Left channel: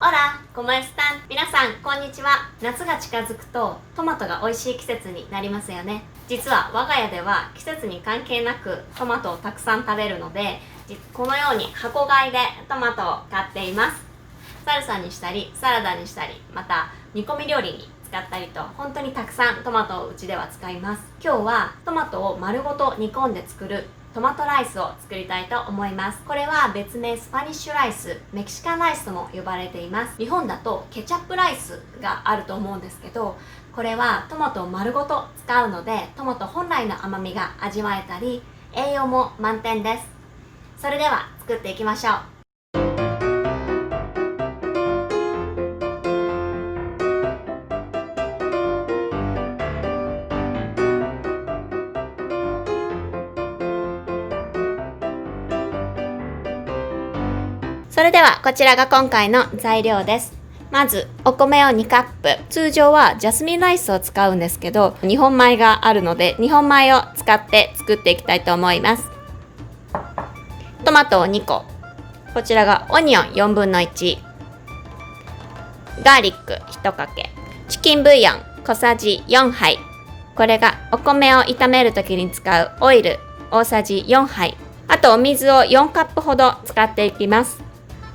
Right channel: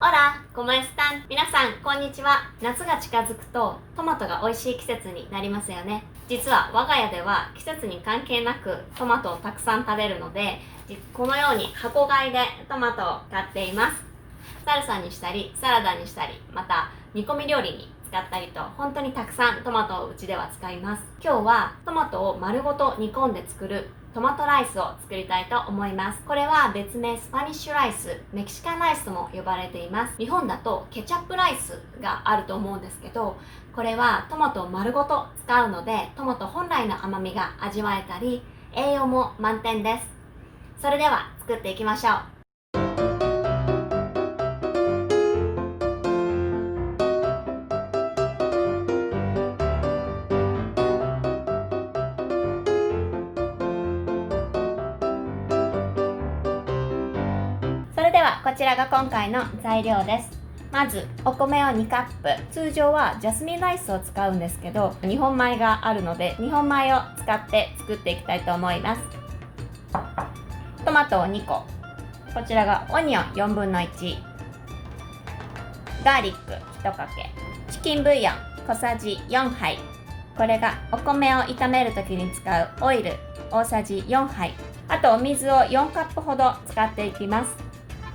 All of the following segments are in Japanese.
オラ、コマエスタン。皆さん、こんにちは。夏が近づくと、トマトが美味しい季節になりますよね。実は、我が家では季節に関係なくトマトをたくさん食べるので、このように箱買いでトマトを買っています。サルサにしたり、サラダにしたり、また煮込み料理に使ったりと、本当にたくさんトマトをうちでは使います。今日はトマトを丸ごと煮込んで作るトマトライスを作りたいと思います。これは別名スパニッシュライス、メキシカンライスとも呼ばれています。日本だとケチャップライスがあると思うんですけど、これはトマトを丸ごと使うので、トマト本来の甘みが味わえたり、栄養も満点です。それでは作っていきましょう。それではこちらが今回の材料です。まずお米を2カップ、通常はジャスミンライスを使うんですけど、日本米があるので日本米を使って作っていきたいと思います。トマトを2個、こちらがオニオン4分の1、ガーリック1かけ、チキンブイヨン小さじ4杯、これがお米を炒めるときに使うオイル大さじ4杯、あとお水を4カップほど使っていきます。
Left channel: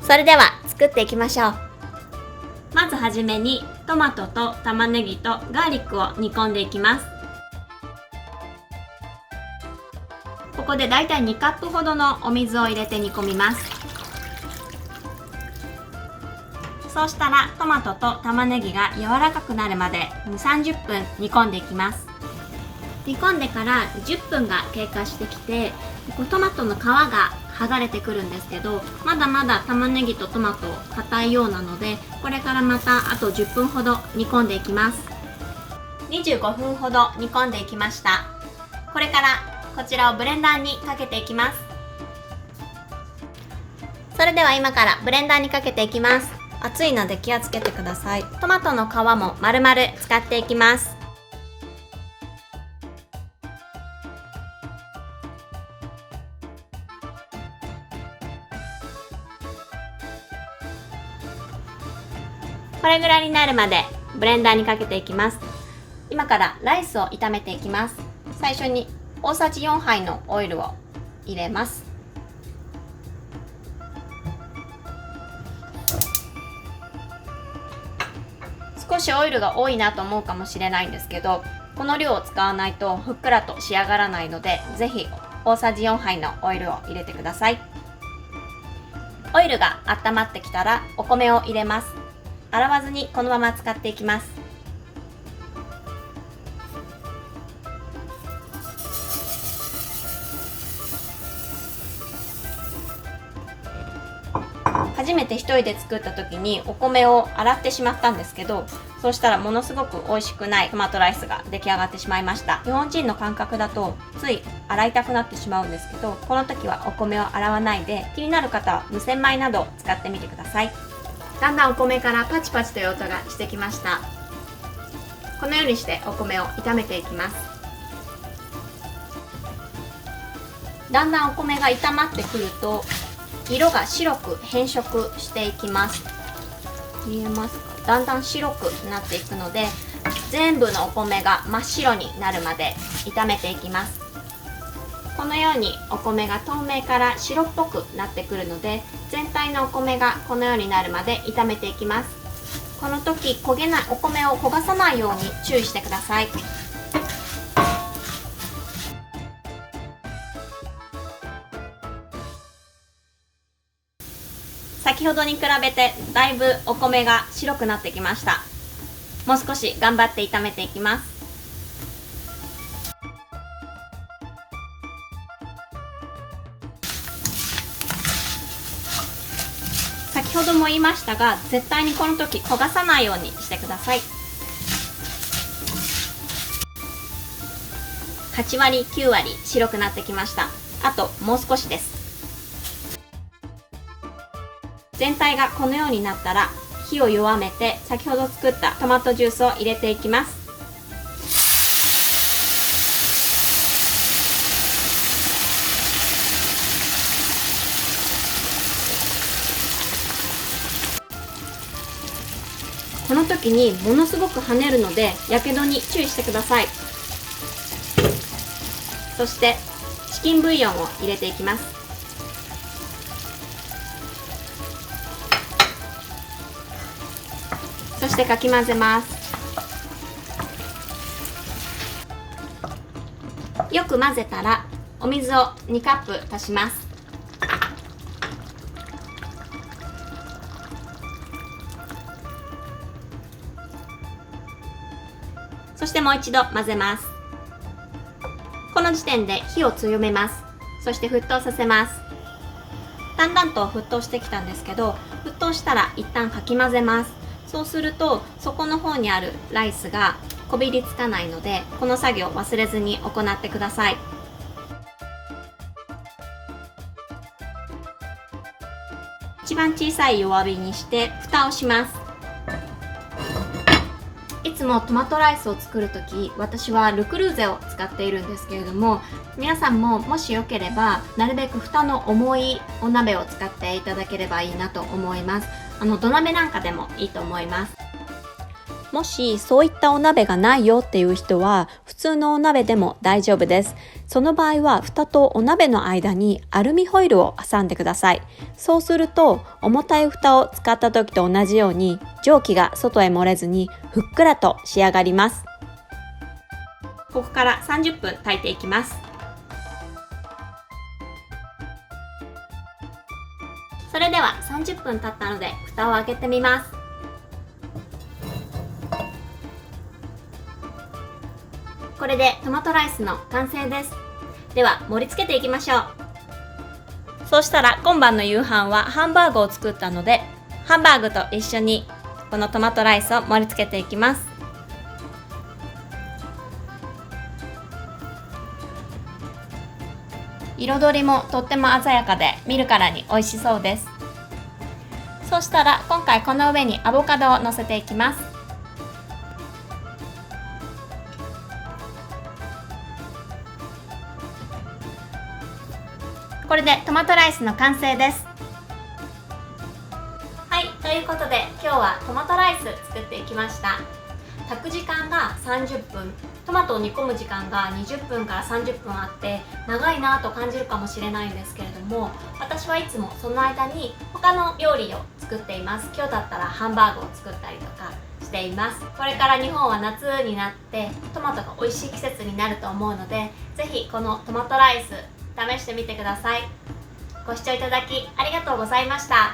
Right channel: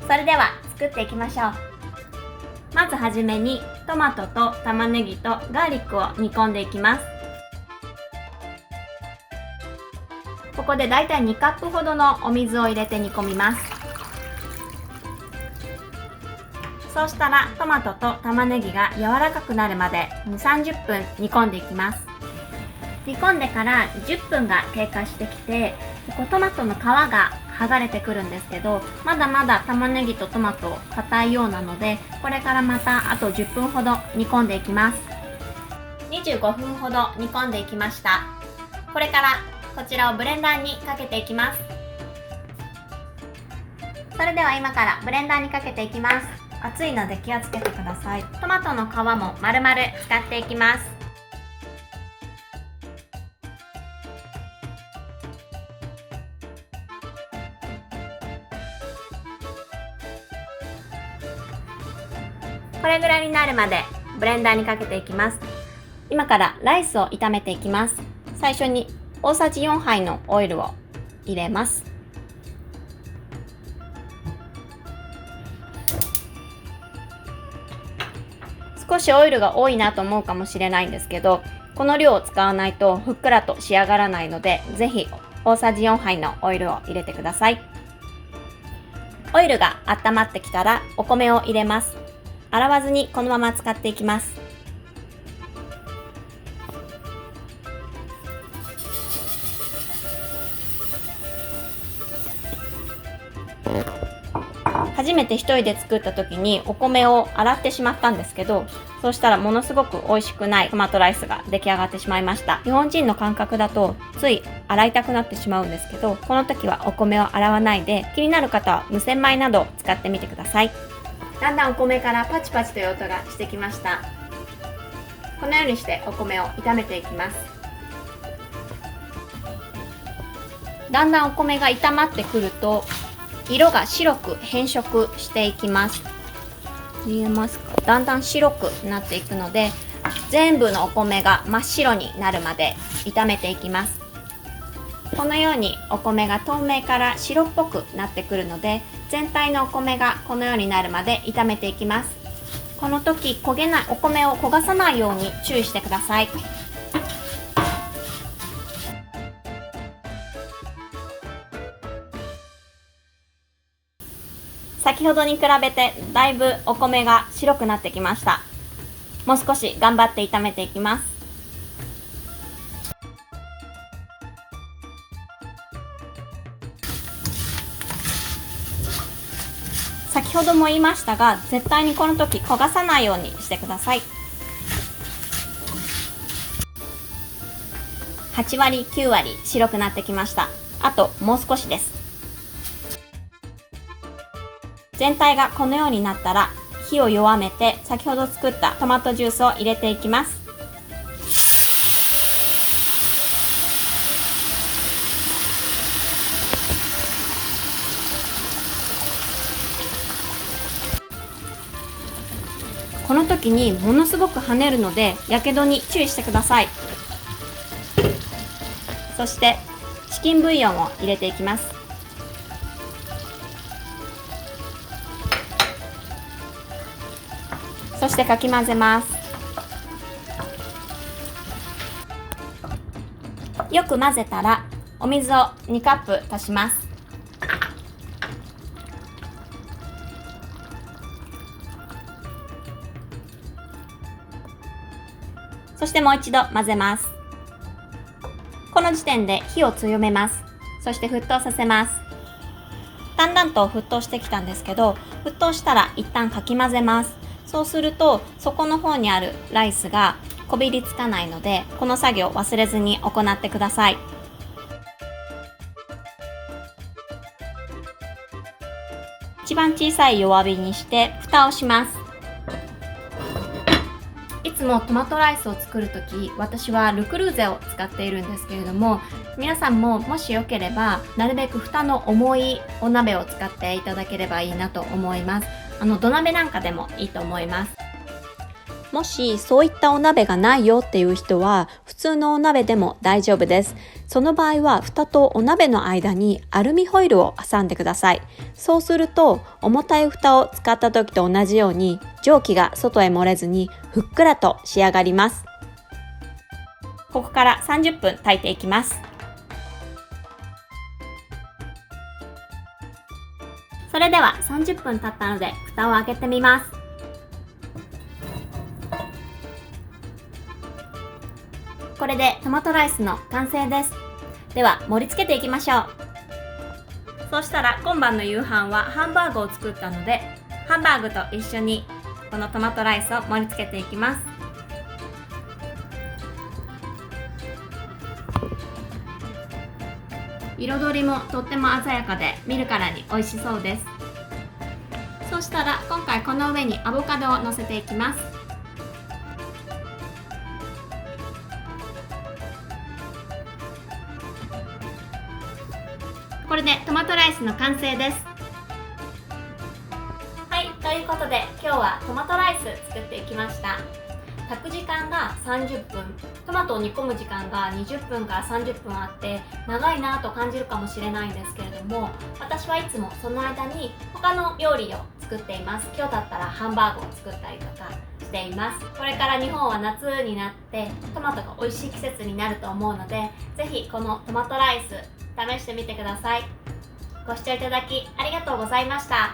それでは作っていきましょう。まずはじめにトマトと玉ねぎとガーリックを煮込んでいきます。ここでだいたい2カップほどのお水を入れて煮込みます。そうしたらトマトと玉ねぎが柔らかくなるまで30分煮込んでいきます。煮込んでから10分が経過してきて、トマトの皮が剥がれてくるんですけど、まだまだ玉ねぎとトマト硬いようなので、これからまたあと10分ほど煮込んでいきます。25分ほど煮込んでいきました。これからこちらをブレンダーにかけていきます。それでは今からブレンダーにかけていきます。熱いので気をつけてください。トマトの皮も丸々使っていきます。これぐらいになるまでブレンダーにかけていきます。今からライスを炒めていきます。最初に大さじ4杯のオイルを入れます。少しオイルが多いなと思うかもしれないんですけど、この量を使わないとふっくらと仕上がらないので、ぜひ大さじ4杯のオイルを入れてください。オイルが温まってきたらお米を入れます。洗わずにこのまま使っていきます。初めて一人で作った時にお米を洗ってしまったんですけど、そうしたらものすごく美味しくないトマトライスが出来上がってしまいました。日本人の感覚だとつい洗いたくなってしまうんですけど、この時はお米を洗わないで、気になる方は無洗米などを使ってみてください。だんだんお米からパチパチという音がしてきました。このようにしてお米を炒めていきます。だんだんお米が炒まってくると色が白く変色していきます。見えますか？だんだん白くなっていくので、全部のお米が真っ白になるまで炒めていきます。このようにお米が透明から白っぽくなってくるので、全体のお米がこのようになるまで炒めていきます。この時焦げない、お米を焦がさないように注意してください。先ほどに比べてだいぶお米が白くなってきました。もう少し頑張って炒めていきます。先ほども言いましたが、絶対にこの時焦がさないようにしてください。8割9割白くなってきました。あともう少しです。全体がこのようになったら火を弱めて、先ほど作ったトマトジュースを入れていきます。この時にものすごく跳ねるのでやけどに注意してください。そしてチキンブイヨンを入れていきます。そしてかき混ぜます。よく混ぜたらお水を2カップ足します。そしてもう一度混ぜます。この時点で火を強めます。そして沸騰させます。だんだんと沸騰してきたんですけど、沸騰したら一旦かき混ぜます。そうすると底の方にあるライスがこびりつかないので、この作業忘れずに行ってください。一番小さい弱火にして蓋をします。いつもトマトライスを作るとき、私はルクルーゼを使っているんですけれども、皆さんももしよければなるべく蓋の重いお鍋を使っていただければいいなと思います。土鍋なんかでもいいと思います。もしそういったお鍋がないよっていう人は普通のお鍋でも大丈夫です。その場合は蓋とお鍋の間にアルミホイルを挟んでください。そうすると重たい蓋を使った時と同じように蒸気が外へ漏れずにふっくらと仕上がります。ここから30分炊いていきます。それでは30分経ったので蓋を開けてみます。これでトマトライスの完成です。では盛り付けていきましょう。そうしたら今晩の夕飯はハンバーグを作ったので、ハンバーグと一緒にこのトマトライスを盛り付けていきます。彩りもとっても鮮やかで見るからに美味しそうです。そうしたら今回この上にアボカドを乗せていきます。これでトマトライスの完成です。はい、ということで今日はトマトライス作っていきました。炊く時間が30分、トマトを煮込む時間が20分から30分あって長いなと感じるかもしれないんですけれども、私はいつもその間に他の料理を作っています。今日だったらハンバーグを作ったりとかしています。これから日本は夏になってトマトが美味しい季節になると思うので、ぜひこのトマトライス試してみてください。ご視聴いただきありがとうございました。